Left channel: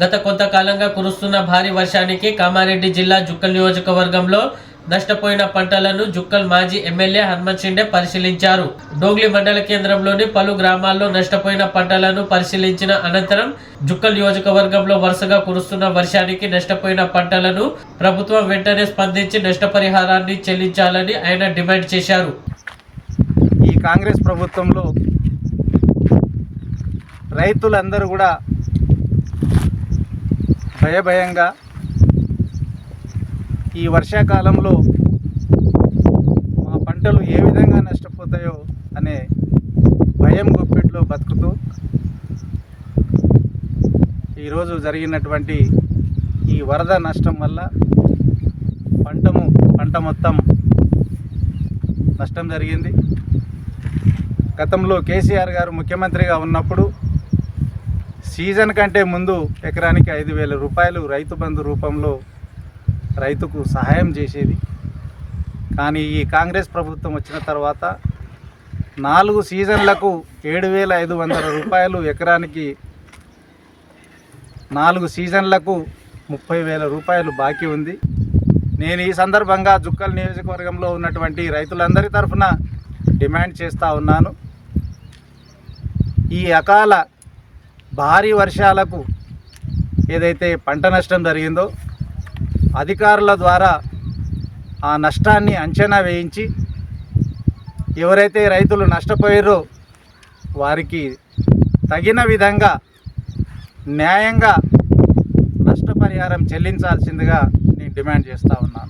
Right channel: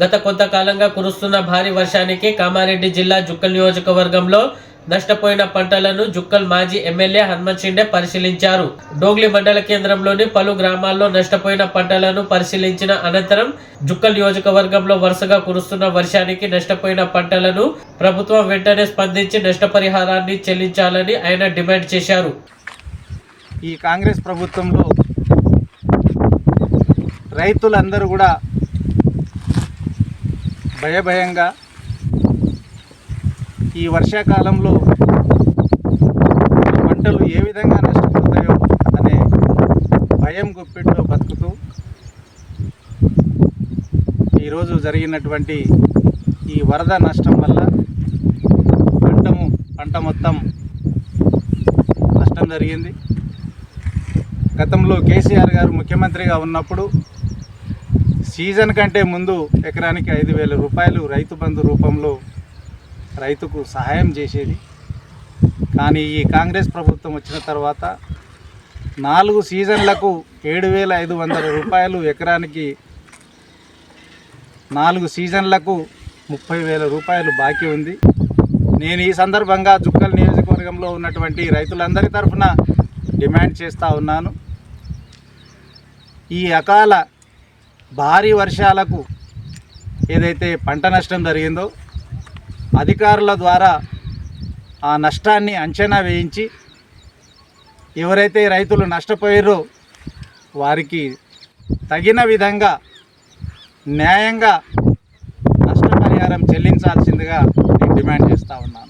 గత కొంతకాలంగా కురుస్తున్న భారీ వర్షానికి కామారెడ్డి జిల్లా జుక్కల్ నియోజకవర్గంలో నష్టపోయిన పంటలను జుక్కల్ మాజీ ఎమ్మెల్యే హనుమంత్ షిండే పరిశీలించారు. డోగ్లి మండల కేంద్రంలోని పలు గ్రామాల్లో నష్టపోయిన పంటలను పరిశీలించిన అనంతరం జుక్కల్ నియోజకవర్గంలో వరుసగా కురుస్తున్న వర్షానికి నష్టపోయిన పంటలను ప్రభుత్వం వెంటనే స్పందించి నష్టపరిహారాన్ని చెల్లించాలని ఆయన డిమాండ్ చేశారు. ఈ కాంగ్రెస్ ప్రభుత్వంలో రైతులందరూ కూడా భయభయంగా ఈ వర్షాకాలంలో పంటలు ఏ విధంగా నష్టపోతాయో అనే భయం గుప్పిట్లో బతుకుతూ ఈరోజు జరిగినటువంటి ఈ వరద నష్టం వల్ల పంటము పంట మొత్తం నష్టం జరిగింది. గతంలో కేసీఆర్ గారు ముఖ్యమంత్రిగా ఉన్నప్పుడు సీజన్ కంటే ముందు ఎకరానికి ఐదు వేల రూపాయలు రైతు బంధు రూపంలో రైతుకు సహాయం చేసేది. కానీ ఈ కాంగ్రెస్ ప్రభుత్వం వచ్చిన తర్వాత నాలుగు సీజన్లకు ఏడు వేల ఐదు వందల రూపాయలు ఎకరానికి నాలుగు సీజన్లకు ముప్పై వేల రూపాయలు బాకీ ఉంది. నేను ఈ సందర్భంగా జుక్కల్ నియోజకవర్గంలో ఉన్నటువంటి రైతులందరి తరఫున డిమాండ్ చేస్తూ ఉన్నాను. ఈ అకాల భారీ వర్షాలకు ఏదైతే పంట నష్టం జరిగిందో అధికారుల ద్వారా ఆ నష్టాన్ని అంచనా వేయించి ఎవరైతే రైతులు నష్టపోయారో వారికి తగిన విధంగా న్యాయంగా నష్టపరిహారం చెల్లించాల్సిందిగా నేను డిమాండ్ చేస్తా ఉన్నాను.